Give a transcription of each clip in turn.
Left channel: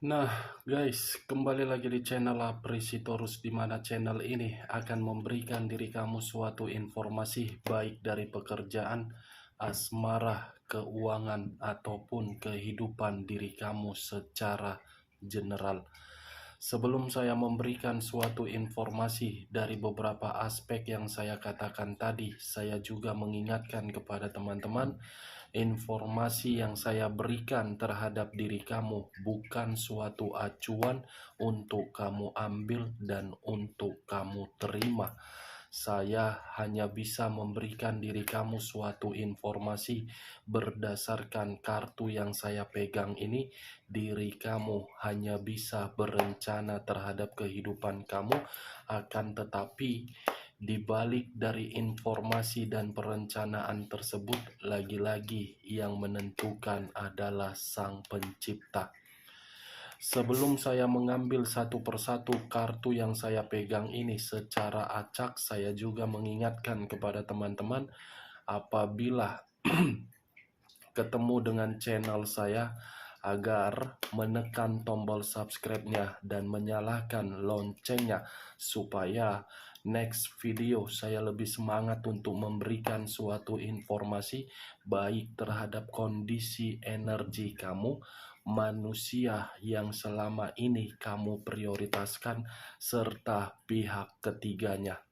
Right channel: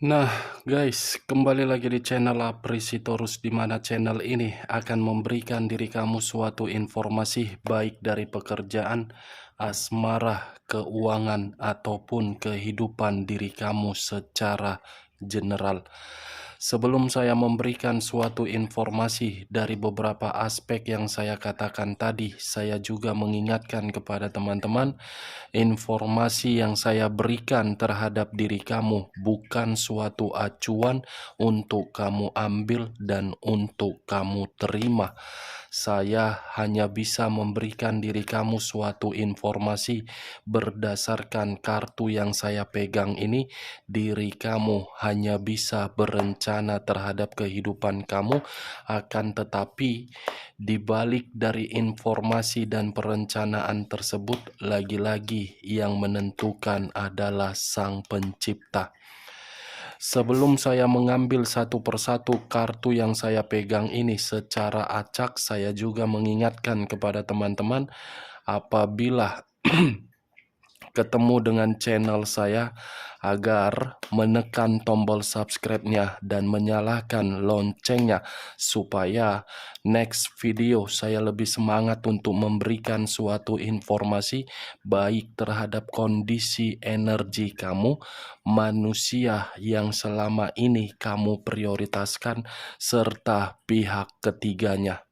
Nah, guys, kembali lagi di channel Aprisitorus, di mana channel ini akan memberikan diri kamu suatu informasi baik dari pekerjaan, asmara, keuangan, ataupun kehidupan diri kamu secara general. Sebelum saya memberikan suatu informasi dari beberapa aspek yang saya katakan tadi, saya juga mengingatkan kepada teman-teman. Informasi yang saya berikan terhadap diri kamu bukan suatu acuan untuk kamu ambil dan untuk kamu terima. Saya hanya bisa memberikan diri kamu suatu informasi berdasarkan kartu yang saya pegang ini. Diri kamu hanya bisa berencana terhadap kehidupan kamu, akan tetapi di balik dari informasi dan perencanaan tersebut, lagi-lagi yang menentukan adalah Sang Pencipta. Sebelum saya mengambil satu persatu kartu yang saya pegang ini secara acak, saya juga mengingatkan kepada teman-teman, apabila ketemu dengan channel saya, agar menekan tombol subscribe-nya dan menyalakan loncengnya supaya next video saya lebih semangat untuk memberikan suatu informasi baik terhadap kondisi energi kamu, manusia yang selama ini kamu prioritaskan, serta pihak ketiganya.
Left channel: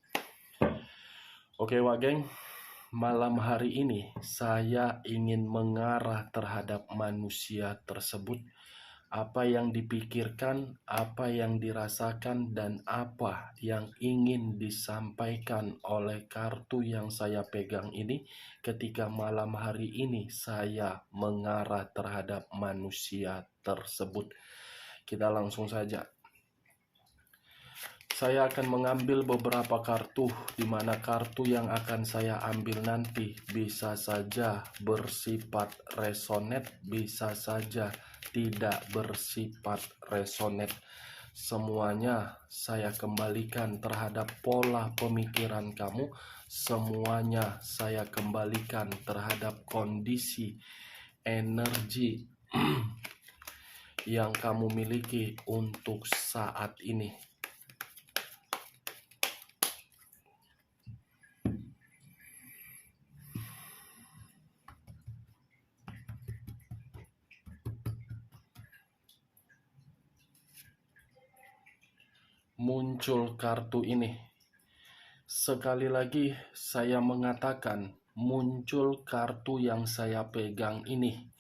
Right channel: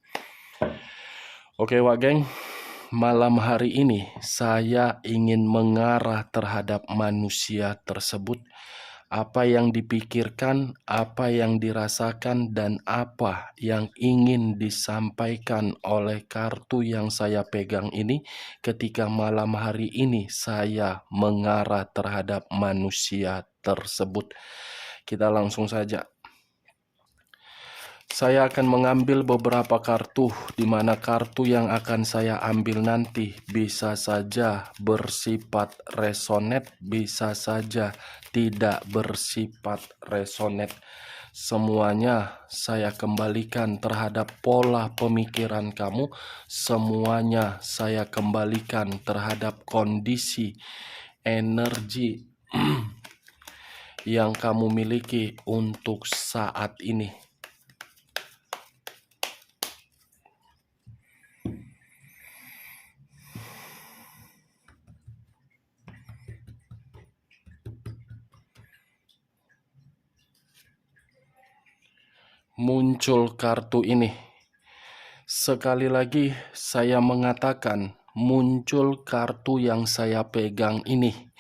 Oke, Wak Geng. Malam hari ini saya ingin mengarah terhadap manusia tersebut. Apa yang dipikirkan, apa yang dirasakan, dan apa yang ingin disampaikan oleh kartu yang saya pegang ini ketika malam hari ini saya mengarah terhadap manusia tersebut. Kita langsung saja. Saya akan mengambil beberapa kartu, di mana kartu yang akan saya ambil nanti bisa saja bersifat resonate, bisa saja tidak bersifat resonate. Semuanya saya kembalikan terhadap pola pemikiran kamu, semuanya saya kembalikan terhadap kondisi energi yang kamu miliki untuk saat ini. Muncul kartu ini. Sekali lagi saya mengatakan, muncul kartu yang saya pegang ini,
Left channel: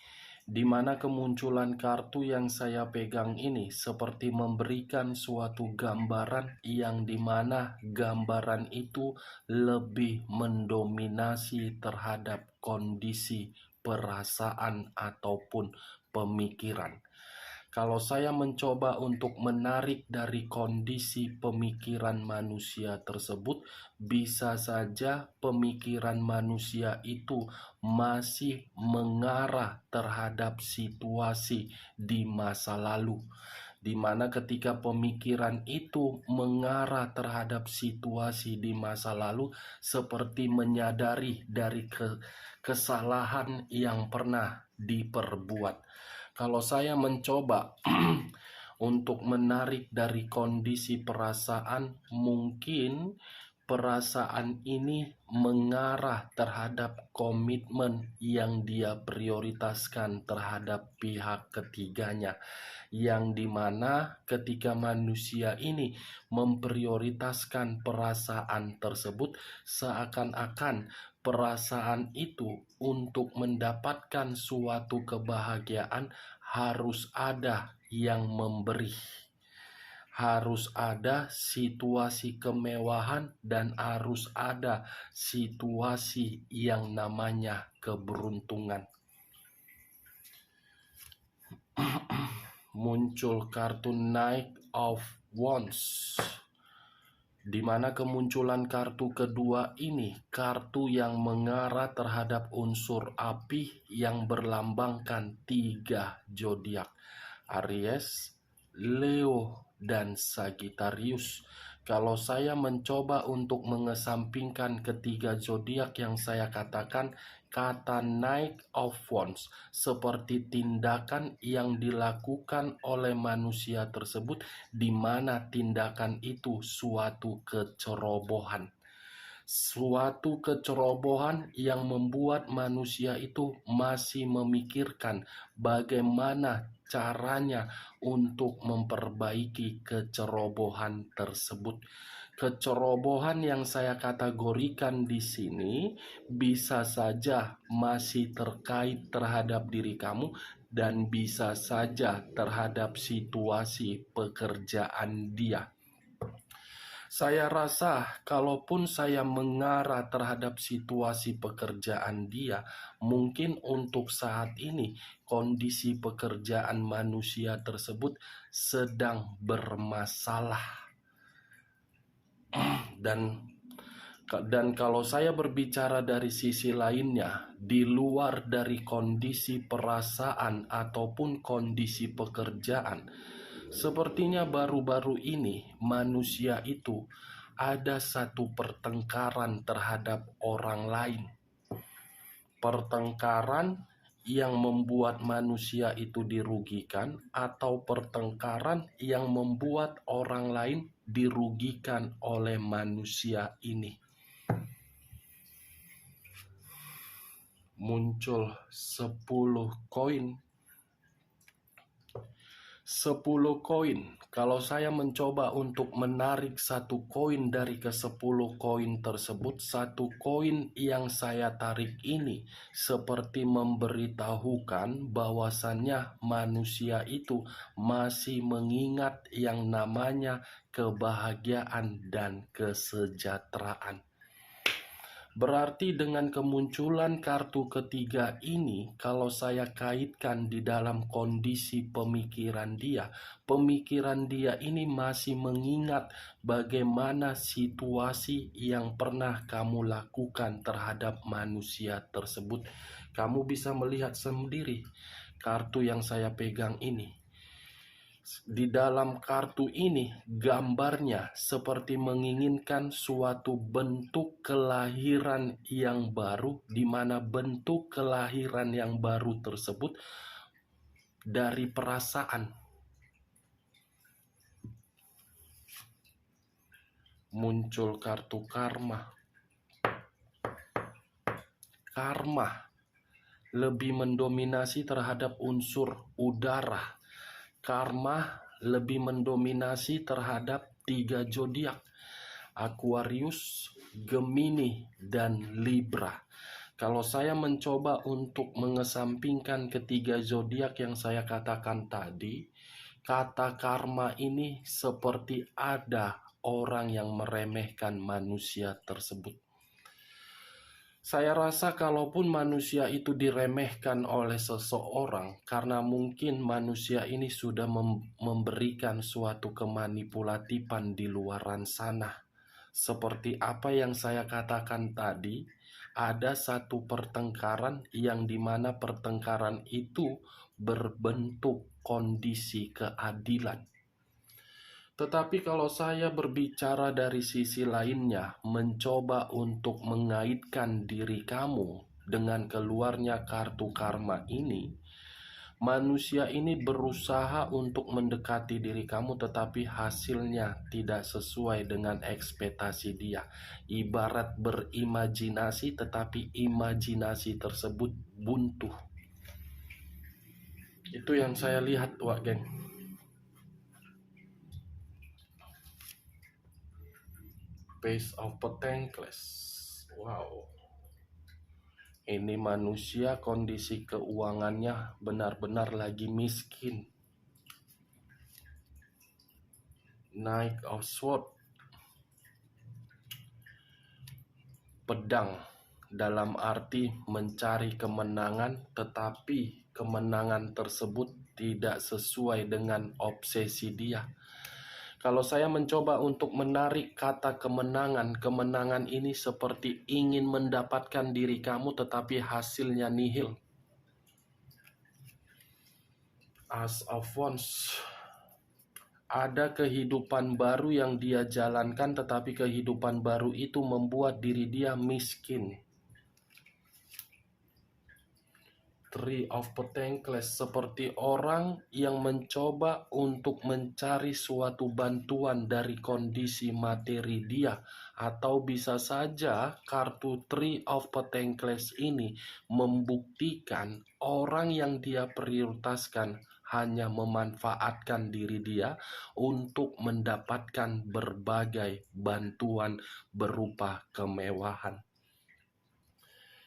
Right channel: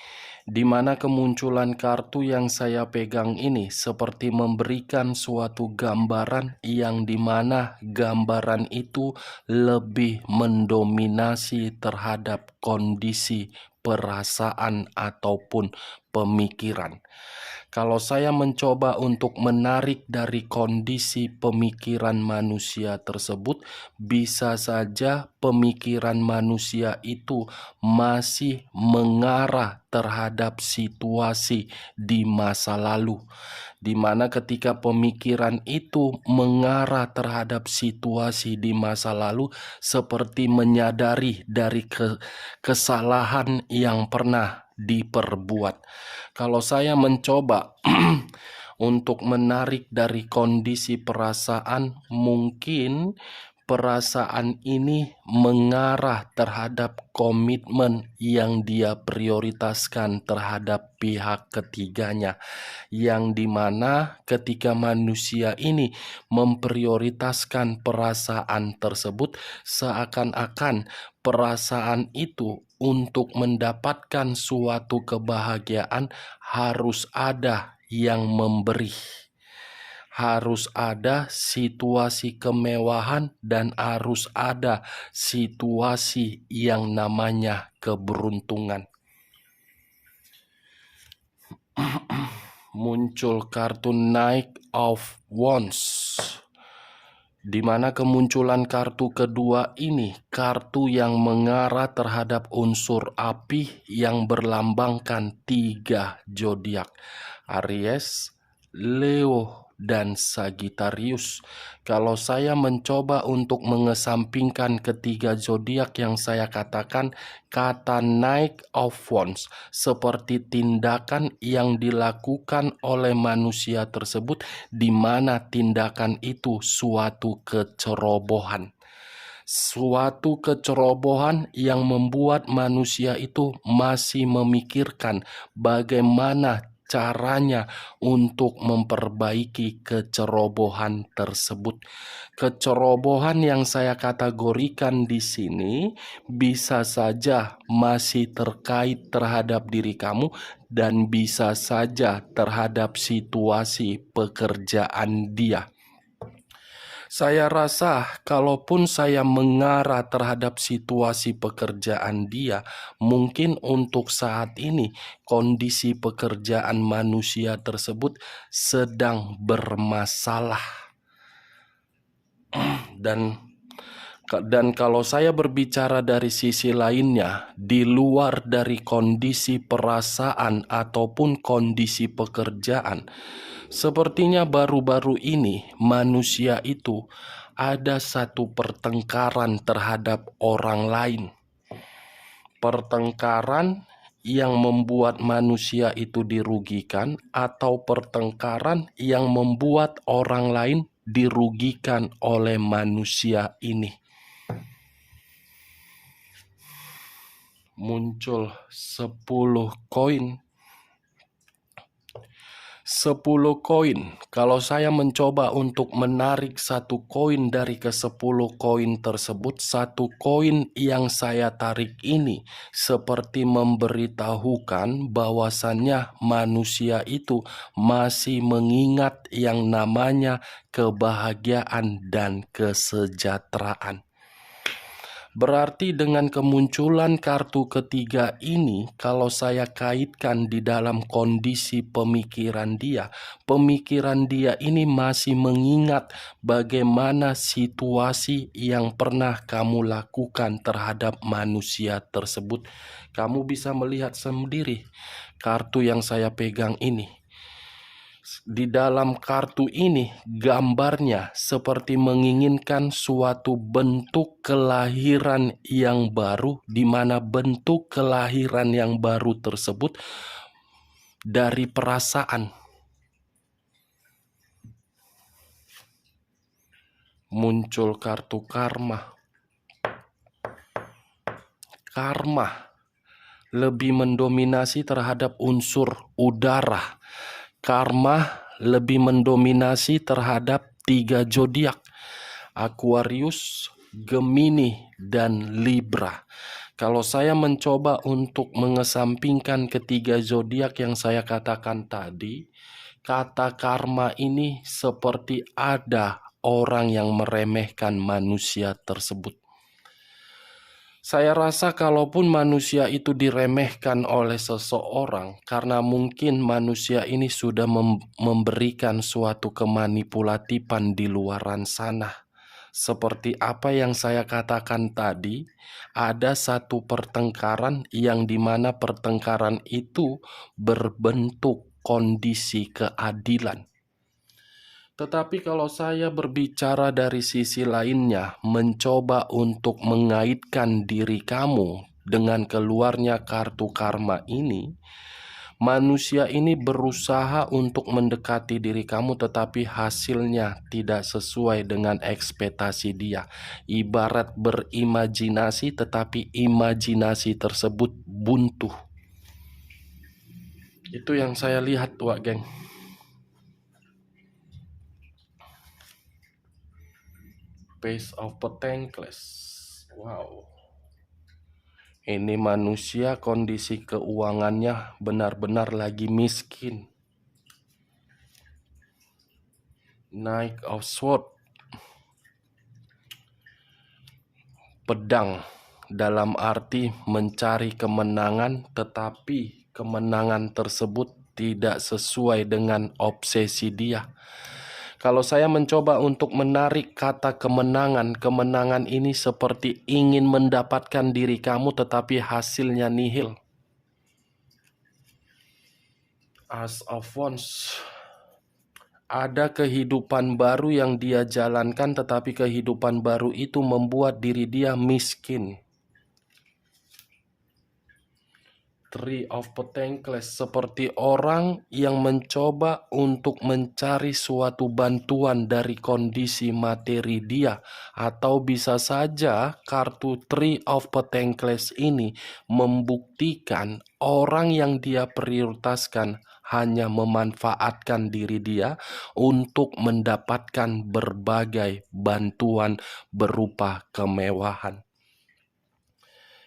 di mana kemunculan kartu yang saya pegang ini seperti memberikan suatu gambaran yang dimana gambaran itu lebih mendominasi terhadap kondisi perasaan ataupun pemikiran. Kalau saya mencoba untuk menarik dari kondisi pemikiran manusia tersebut, bisa saja pemikiran manusia itu masih mengarah terhadap situasi di masa lalu, di mana ketika pemikiran itu mengarah terhadap situasi di masa lalu, seperti menyadari dari kesalahan yang pernah diperbuat. Kalau saya mencoba untuk menarik dari kondisi perasaan, mungkin perasaan ini mengarah terhadap komitmen yang dia prioritaskan terhadap pihak ketiganya, yang dimana ketika manusia ini memprioritaskan perasaan tersebut, seakan-akan perasaan itu untuk mendapatkan suatu kebahagiaan harus ada yang memberi. Harus ada situasi kemewahan dan harus ada situasi yang namanya keberuntungan. Muncul kartu Knight of Wands, di mana kemunculan kartu kedua ini kartu yang mengarah terhadap unsur api yang berlambangkan 3 zodiak: Aries, Leo dan Sagittarius. Kalau saya mencoba untuk mengesampingkan ketiga zodiak yang saya katakan, kata Knight of Wands seperti tindakan yang dilakukan oleh manusia tersebut, di mana tindakan itu suatu kecerobohan. Suatu kecerobohan yang membuat manusia itu masih memikirkan bagaimana caranya untuk memperbaiki kecerobohan tersebut. Kecerobohan yang saya kategorikan di sini bisa saja masih terkait terhadap diri kamu dan bisa saja terhadap situasi pekerjaan dia. Saya rasa kalaupun saya mengarah terhadap situasi pekerjaan dia, mungkin untuk saat ini kondisi pekerjaan manusia tersebut sedang bermasalah. Dan kalau saya berbicara dari sisi lainnya, di luar dari kondisi perasaan ataupun kondisi pekerjaan, sepertinya baru-baru ini manusia itu ada satu pertengkaran terhadap orang lain. Pertengkaran yang membuat manusia itu dirugikan atau pertengkaran yang membuat orang lain dirugikan oleh manusia ini. Muncul 10 koin. 10 koin. Kalau saya mencoba untuk menarik satu koin dari ke-10 koin tersebut, satu koin yang saya tarik ini seperti memberitahukan bahwasannya manusia itu masih mengingat yang namanya kebahagiaan dan kesejahteraan. Berarti dengan kemunculan kartu ketiga ini, kalau saya kaitkan di dalam kondisi pemikiran dia ini masih mengingat bagaimana situasi yang pernah kamu lakukan terhadap manusia tersebut. Kamu bisa melihat sendiri kartu yang saya pegang ini. Di dalam kartu ini gambarnya seperti menginginkan suatu bentuk kelahiran yang baru, di mana bentuk kelahiran yang baru tersebut dari perasaan. Muncul kartu karma. Karma lebih mendominasi terhadap unsur udara. Karma lebih mendominasi terhadap 3 zodiak: Aquarius, Gemini, dan Libra. Kalau saya mencoba untuk mengesampingkan ketiga zodiak yang saya katakan tadi, kata karma ini seperti ada orang yang meremehkan manusia tersebut. Saya rasa kalaupun manusia itu diremehkan oleh seseorang, karena mungkin manusia ini sudah memberikan suatu kemanipulatifan di luaran sana. Seperti apa yang saya katakan tadi, ada satu pertengkaran yang dimana pertengkaran itu berbentuk kondisi keadilan. Tetapi kalau saya berbicara dari sisi lainnya, mencoba untuk mengaitkan diri kamu dengan keluarnya kartu karma ini, manusia ini berusaha untuk mendekati diri kamu, tetapi hasilnya tidak sesuai dengan ekspektasi dia. Ibarat berimajinasi, tetapi imajinasi tersebut buntu. Itu yang saya lihat, Wak Geng. Page of Pentacles. Wow. Ini manusia kondisi keuangannya benar-benar lagi miskin. Knight of Swords. Pedang dalam arti mencari kemenangan, tetapi kemenangan tersebut tidak sesuai dengan obsesi dia. Kalau saya mencoba untuk menarik kata kemenangan, kemenangan ini seperti ingin mendapatkan diri kamu tetapi hasilnya nihil. As of Wands. Ada kehidupan baru yang dia jalankan, tetapi kehidupan baru itu membuat diri dia miskin. Three of Pentacles seperti orang yang mencoba untuk mencari suatu bantuan dari kondisi materi dia, atau bisa saja kartu Three of Pentacles ini membuktikan orang yang dia prioritaskan hanya memanfaatkan diri dia untuk mendapatkan berbagai bantuan berupa kemewahan.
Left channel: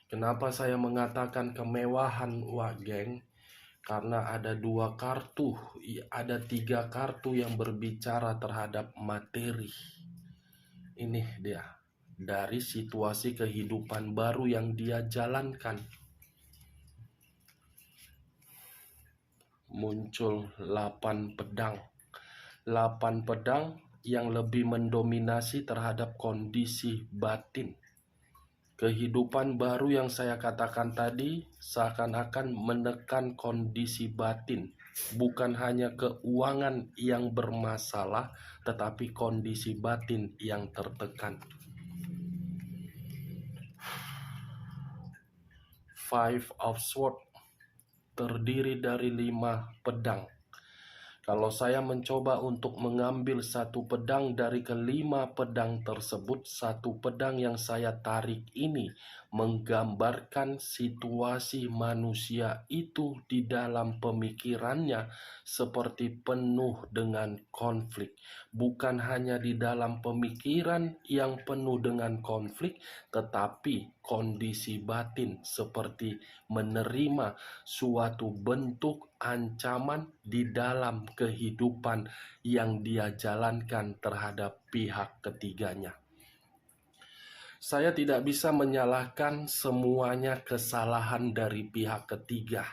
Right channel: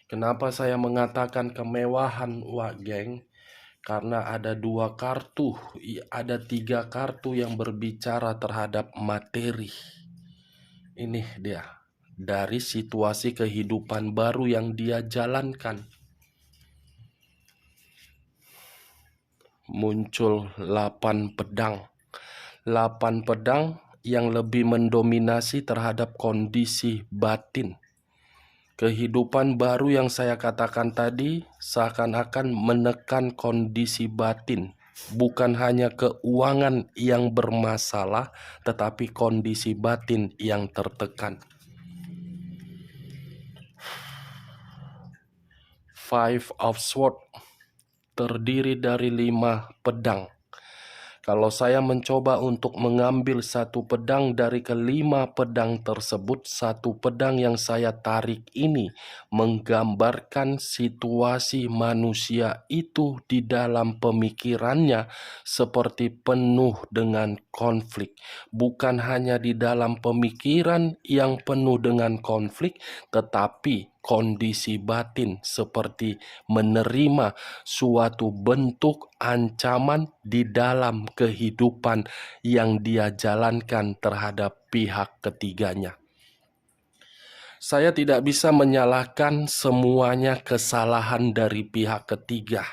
Kenapa saya mengatakan kemewahan, Wak Geng? Karena ada 2 kartu, ada 3 kartu yang berbicara terhadap materi. Ini dia, dari situasi kehidupan baru yang dia jalankan. Muncul 8 pedang. 8 pedang yang lebih mendominasi terhadap kondisi batin. Kehidupan baru yang saya katakan tadi seakan-akan menekan kondisi batin. Bukan hanya keuangan yang bermasalah, tetapi kondisi batin yang tertekan. Five of Swords terdiri dari 5 pedang. Kalau saya mencoba untuk mengambil satu pedang dari kelima pedang tersebut, satu pedang yang saya tarik ini menggambarkan situasi manusia itu di dalam pemikirannya seperti penuh dengan konflik. Bukan hanya di dalam pemikiran yang penuh dengan konflik, tetapi kondisi batin seperti menerima suatu bentuk ancaman di dalam kehidupan yang dia jalankan terhadap pihak ketiganya. Saya tidak bisa menyalahkan semuanya kesalahan dari pihak ketiga,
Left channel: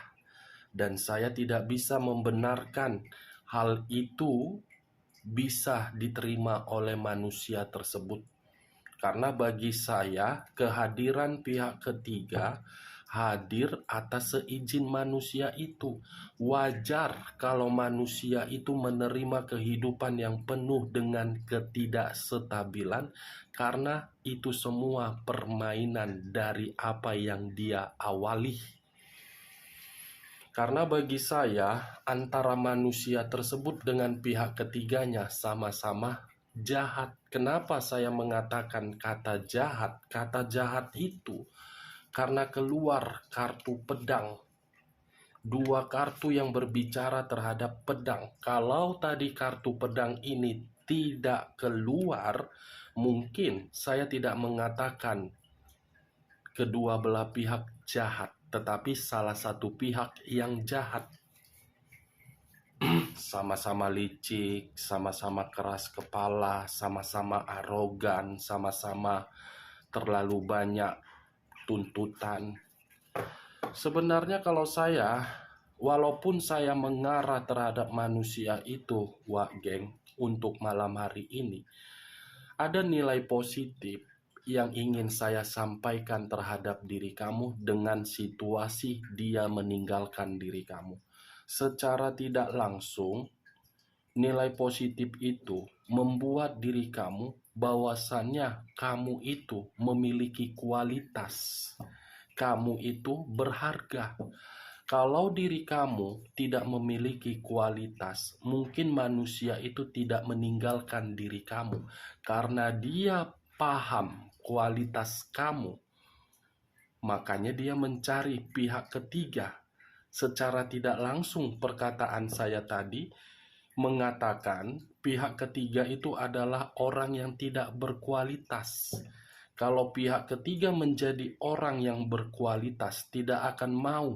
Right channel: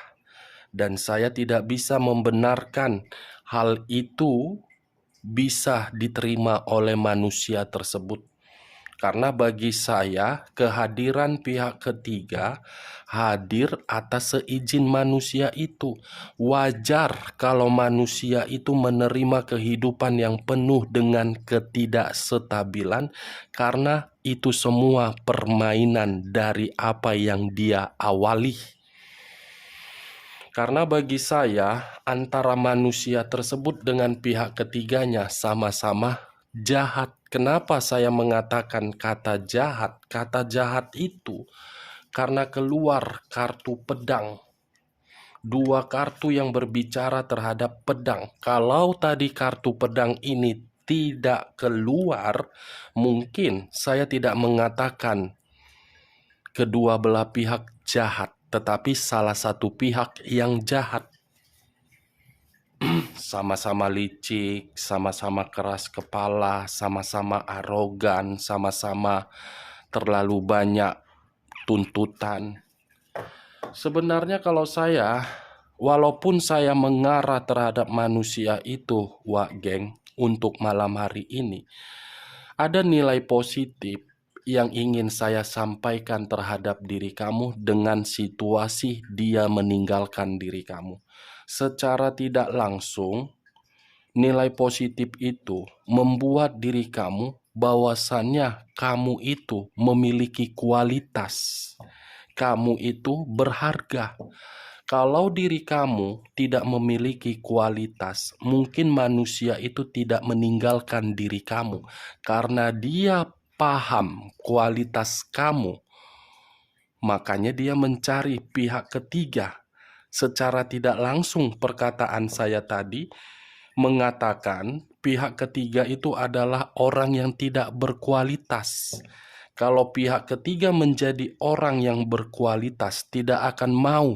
dan saya tidak bisa membenarkan hal itu bisa diterima oleh manusia tersebut. Karena bagi saya, kehadiran pihak ketiga hadir atas seizin manusia itu. Wajar kalau manusia itu menerima kehidupan yang penuh dengan ketidakstabilan, karena itu semua permainan dari apa yang dia awali. Karena bagi saya, antara manusia tersebut dengan pihak ketiganya sama-sama jahat. Kenapa saya mengatakan kata jahat? Kata jahat itu karena keluar kartu pedang. 2 kartu yang berbicara terhadap pedang. Kalau tadi kartu pedang ini tidak keluar, mungkin saya tidak mengatakan kedua belah pihak jahat, tetapi salah satu pihak yang jahat. Sama-sama licik, sama-sama keras kepala, sama-sama arogan, sama-sama terlalu banyak tuntutan. Sebenarnya kalau saya, walaupun saya mengarah terhadap manusia itu, Wak Geng, untuk malam hari ini, ada nilai positif yang ingin saya sampaikan terhadap diri kamu dengan situasi dia meninggalkan diri kamu. Secara tidak langsung, nilai positif itu membuat diri kamu bahwasannya kamu itu memiliki kualitas. Kamu itu berharga. Kalau diri kamu tidak memiliki kualitas, mungkin manusia itu tidak meninggalkan diri kamu karena dia paham kualitas kamu. Makanya dia mencari pihak ketiga. Secara tidak langsung perkataan saya tadi mengatakan pihak ketiga itu adalah orang yang tidak berkualitas. Kalau pihak ketiga menjadi orang yang berkualitas, tidak akan mau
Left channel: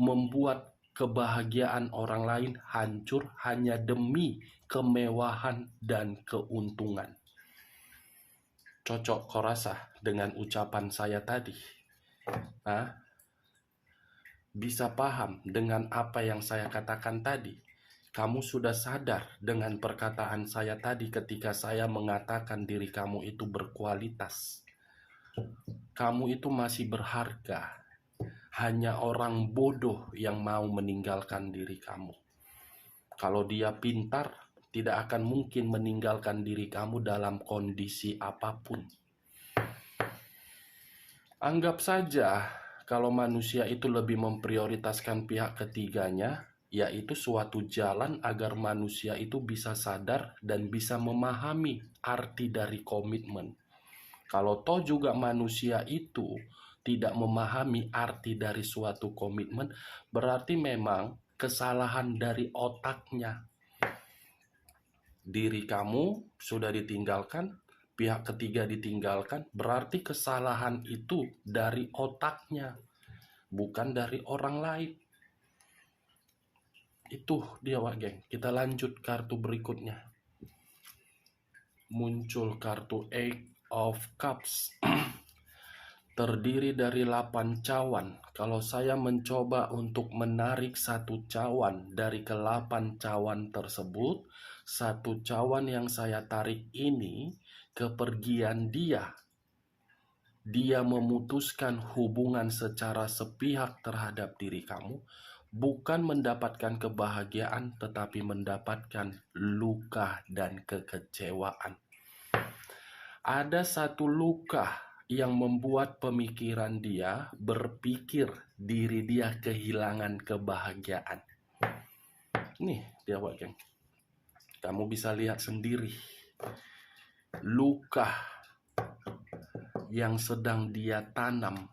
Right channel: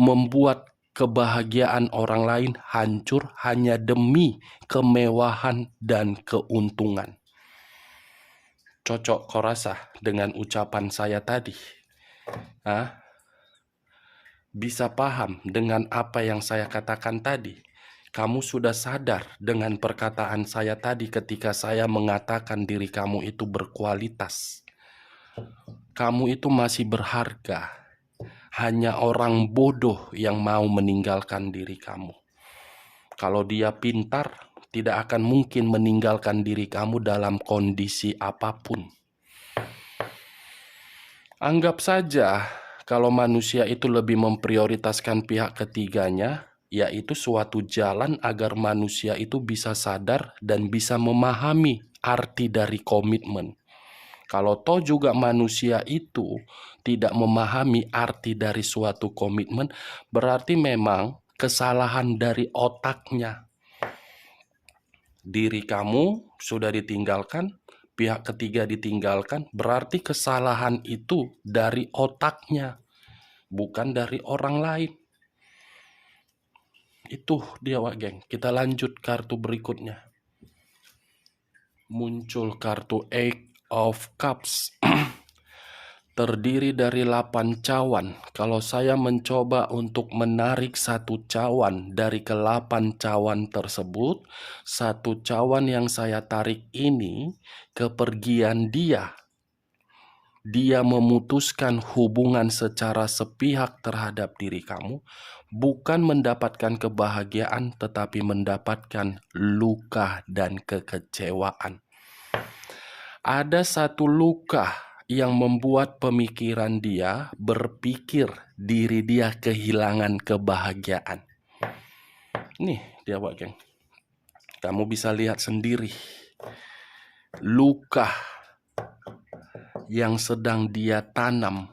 membuat kebahagiaan orang lain hancur hanya demi kemewahan dan keuntungan. Cocok kau rasa dengan ucapan saya tadi? Bisa paham dengan apa yang saya katakan tadi? Kamu sudah sadar dengan perkataan saya tadi ketika saya mengatakan diri kamu itu berkualitas. Kamu itu masih berharga. Hanya orang bodoh yang mau meninggalkan diri kamu. Kalau dia pintar, tidak akan mungkin meninggalkan diri kamu dalam kondisi apapun. Anggap saja kalau manusia itu lebih memprioritaskan pihak ketiganya, yaitu suatu jalan agar manusia itu bisa sadar dan bisa memahami arti dari komitmen. Kalau toh juga manusia itu tidak memahami arti dari suatu komitmen, berarti memang kesalahan dari otaknya. Diri kamu sudah ditinggalkan, pihak ketiga ditinggalkan, berarti kesalahan itu dari otaknya, bukan dari orang lain. Itu dia, Wak Geng. Kita lanjut kartu berikutnya. Muncul kartu Eight of Cups. Terdiri dari 8 cawan. Kalau saya mencoba untuk menarik satu cawan dari ke-8 cawan tersebut, satu cawan yang saya tarik ini kepergian dia. Dia memutuskan hubungan secara sepihak terhadap diri kamu, bukan mendapatkan kebahagiaan tetapi mendapatkan luka dan kekecewaan. Ada satu luka yang membuat pemikiran dia berpikir diri dia kehilangan kebahagiaan. Nih dia, Wak Geng. Kamu bisa lihat sendiri luka yang sedang dia tanam.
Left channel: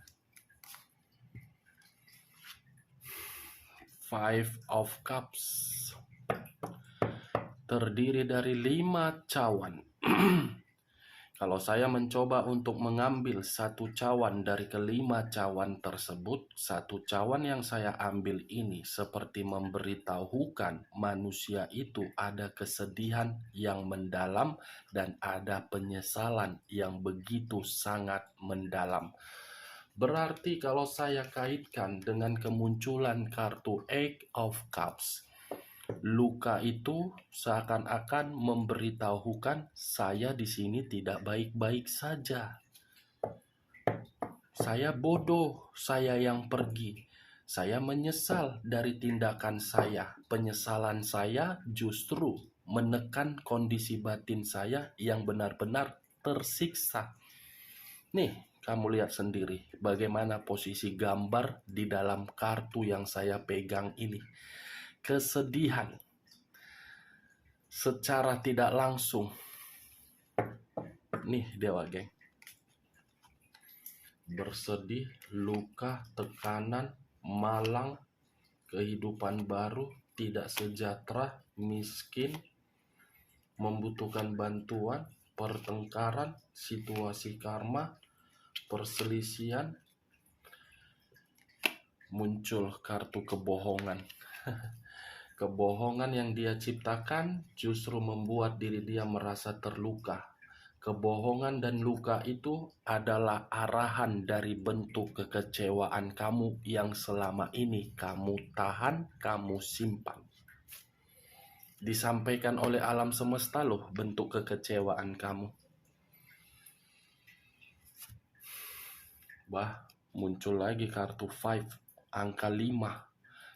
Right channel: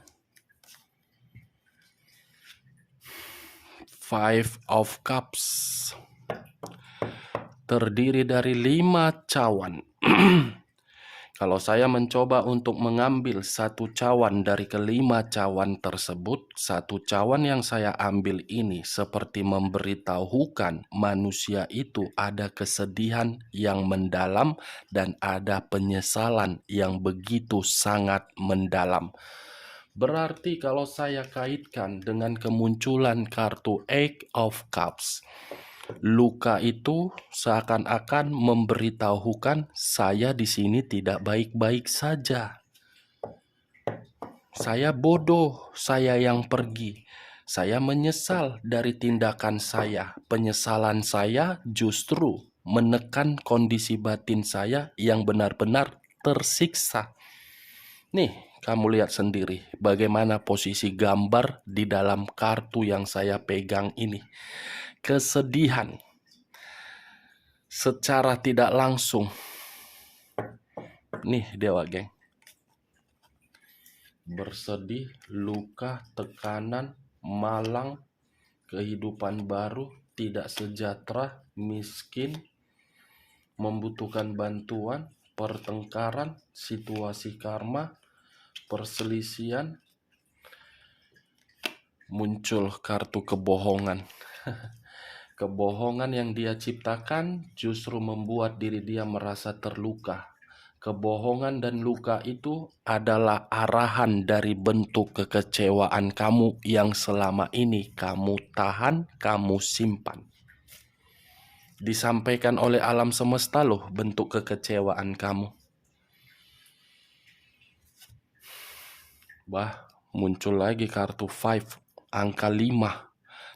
Five of Cups terdiri dari 5 cawan. Kalau saya mencoba untuk mengambil satu cawan dari ke-5 cawan tersebut, satu cawan yang saya ambil ini seperti memberitahukan manusia itu ada kesedihan yang mendalam dan ada penyesalan yang begitu sangat mendalam. Berarti kalau saya kaitkan dengan kemunculan kartu Eight of Cups, luka itu seakan-akan memberitahukan saya di sini tidak baik-baik saja. Saya bodoh, saya yang pergi. Saya menyesal dari tindakan saya. Penyesalan saya justru menekan kondisi batin saya yang benar-benar tersiksa. Nih, kamu lihat sendiri bagaimana posisi gambar di dalam kartu yang saya pegang ini. Kesedihan secara tidak langsung. Nih dia, Wak Geng. Bersedih, luka, tekanan, malang, kehidupan baru, tidak sejahtera, miskin, membutuhkan bantuan, pertengkaran, situasi karma, perselisihan, muncul kartu kebohongan. Kebohongan yang dia ciptakan justru membuat diri dia merasa terluka. Kebohongan dan luka itu adalah arahan dari bentuk kekecewaan kamu yang selama ini kamu tahan, kamu simpan. Disampaikan oleh alam semesta loh bentuk kekecewaan kamu. Muncul lagi kartu 5, angka 5.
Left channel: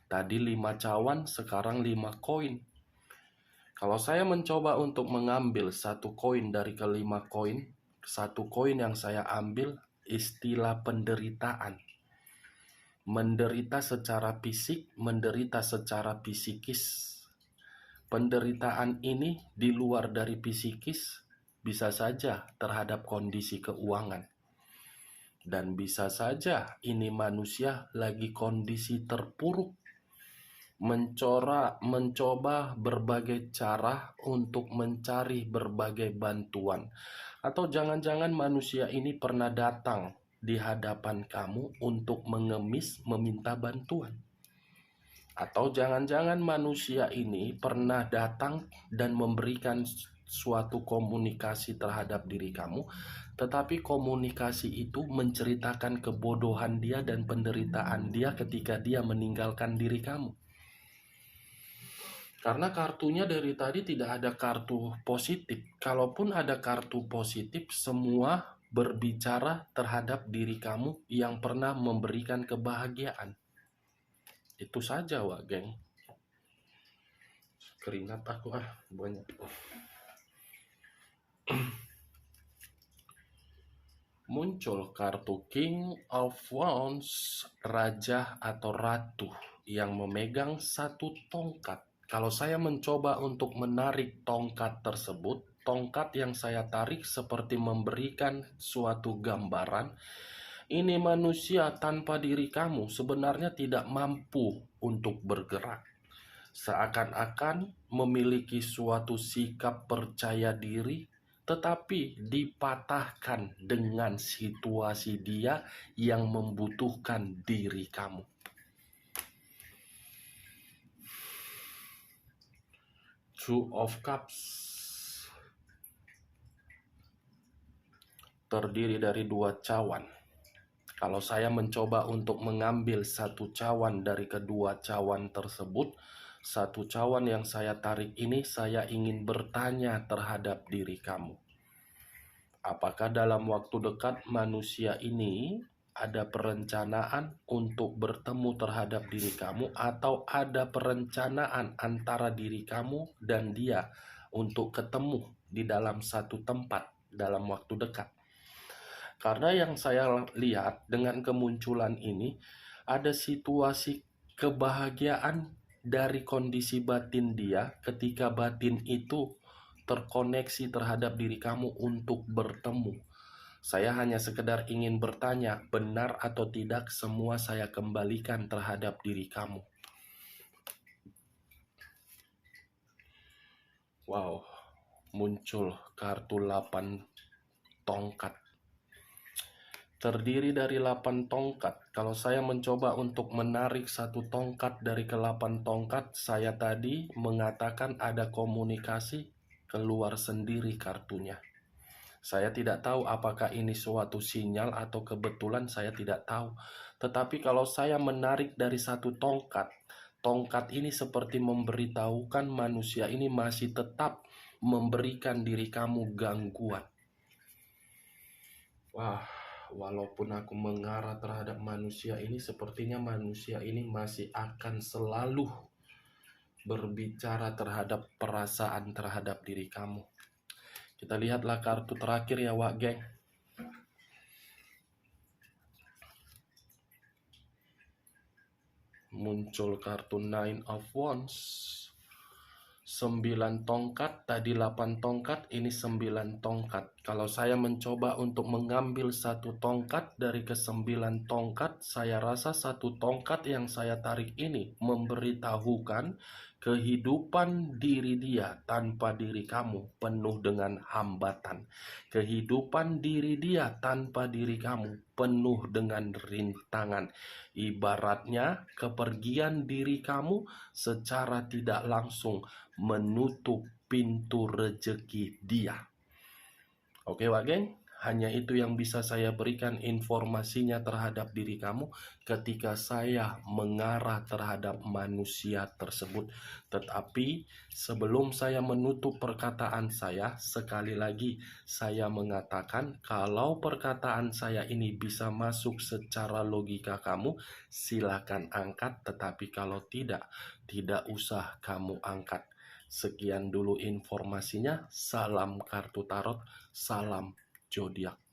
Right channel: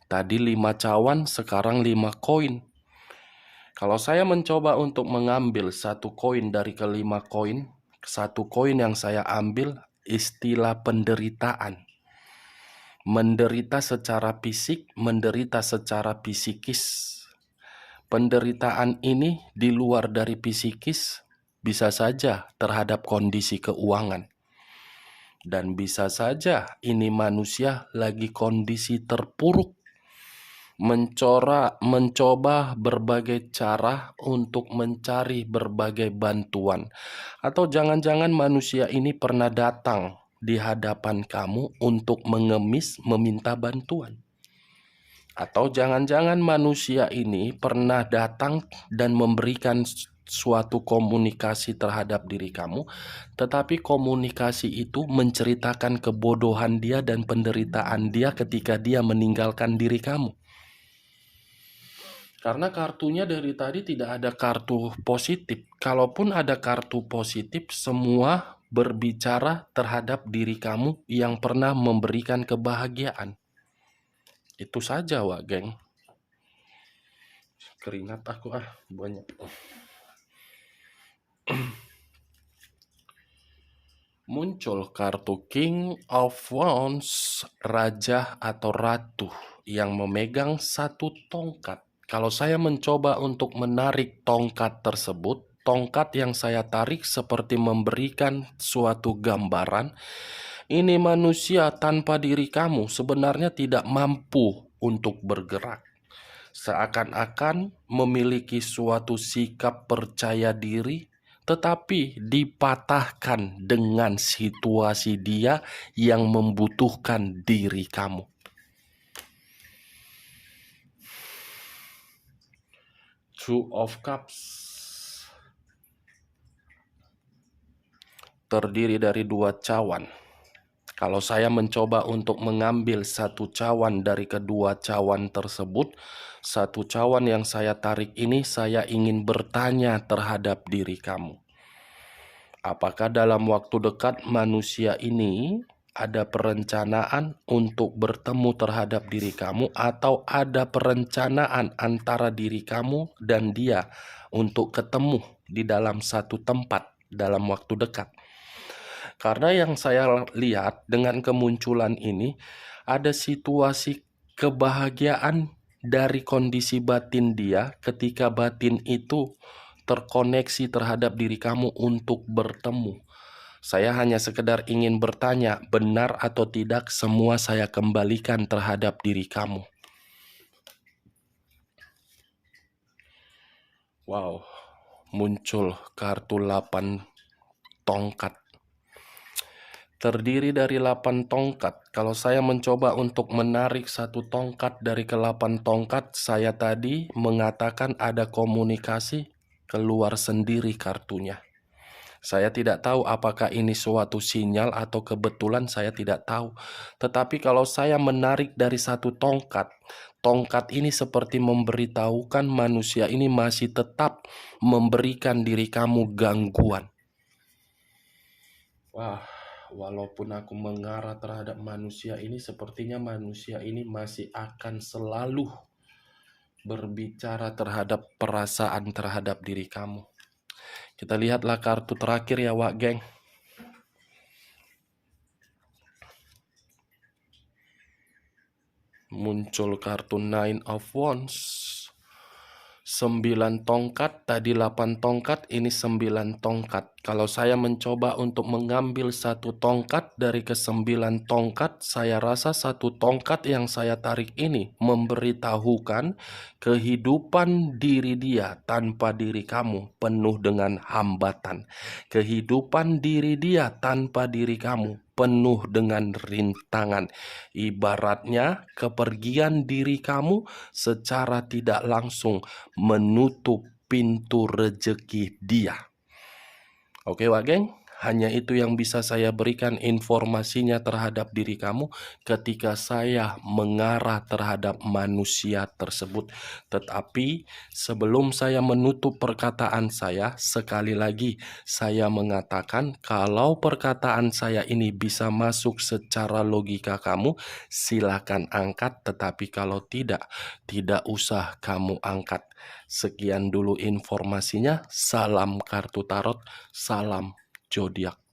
Tadi 5 cawan, sekarang 5 koin. Kalau saya mencoba untuk mengambil satu koin dari ke-5 koin, satu koin yang saya ambil istilah penderitaan. Menderita secara fisik, menderita secara psikis. Penderitaan ini di luar dari psikis bisa saja terhadap kondisi keuangan. Dan bisa saja ini manusia lagi kondisi terpuruk. Mencoba berbagai cara untuk mencari berbagai bantuan. Atau jangan-jangan manusia ini pernah datang di hadapan kamu untuk mengemis meminta bantuan. Atau jangan-jangan manusia ini pernah datang dan memberikan suatu komunikasi terhadap diri kamu, tetapi komunikasi itu menceritakan kebodohan dia dan penderitaan dia ketika dia meninggalkan diri kamu. Karena kartunya dari tadi tidak ada kartu positif. Kalaupun ada kartu positif, semua berbicara terhadap diri kamu yang pernah memberikan kebahagiaan. Itu saja, Wak Geng. Keringat aku banyak. Muncul kartu King of Wands, raja atau ratu yang memegang satu tongkat. Kalau saya mencoba untuk menarik tongkat tersebut, tongkat yang saya tarik seperti memberikan suatu gambaran, ini manusia tanpa diri kamu sebenarnya tidak mampu untuk bergerak. Seakan-akan memiliki suatu sikap percaya diri, tetapi dipatahkan dengan situasi dia yang membutuhkan diri kamu. Two of Cups terdiri dari 2 cawan. Kalau saya mencoba untuk mengambil satu cawan dari kedua cawan tersebut, satu cawan yang saya tarik ini saya ingin bertanya terhadap diri kamu. Apakah dalam waktu dekat manusia ini ada perencanaan untuk bertemu terhadap diri kamu, atau ada perencanaan antara diri kamu dan dia untuk ketemu di dalam satu tempat dalam waktu dekat? Karena yang saya lihat dengan kemunculan ini, ada situasi kebahagiaan dari kondisi batin dia ketika batin itu terkoneksi terhadap diri kamu untuk bertemu. Saya hanya sekedar ingin bertanya, benar atau tidak semua saya kembalikan terhadap diri kamu. Wow, muncul kartu 8 tongkat. Terdiri dari 8 tongkat. Kalau saya mencoba untuk menarik satu tongkat dari ke-8 tongkat, saya tadi mengatakan ada komunikasi, keluar sendiri kartunya. Saya tidak tahu apakah ini suatu sinyal atau kebetulan, saya tidak tahu. Tetapi kalau saya menarik dari satu tongkat, tongkat ini seperti memberitahukan manusia ini masih tetap memberikan diri kamu gangguan. Wah, walaupun aku mengarah terhadap manusia ini, sepertinya manusia ini masih akan selalu berbicara terhadap perasaan terhadap diri kamu. Kita lihatlah kartu terakhir ya, Wak Geng. Muncul kartu Nine of Wands. 9 tongkat, tadi 8 tongkat, ini 9 tongkat. Kalau saya mencoba untuk mengambil satu tongkat dari ke-9 tongkat, saya rasa satu tongkat yang saya tarik ini memberitahukan kehidupan diri dia tanpa diri kamu penuh dengan hambatan. Kehidupan diri dia tanpa diri kamu penuh dengan rintangan. Ibaratnya kepergian diri kamu secara tidak langsung menutup pintu rezeki dia. Oke, Wak Geng, hanya itu yang bisa saya berikan informasinya terhadap diri kamu ketika saya mengarah terhadap manusia tersebut. Tetapi sebelum saya menutup perkataan saya, sekali lagi saya mengatakan kalau perkataan saya ini bisa masuk secara logika kamu, silakan angkat. Tetapi kalau tidak usah kamu angkat. Sekian dulu informasinya. Salam kartu tarot, salam zodiak.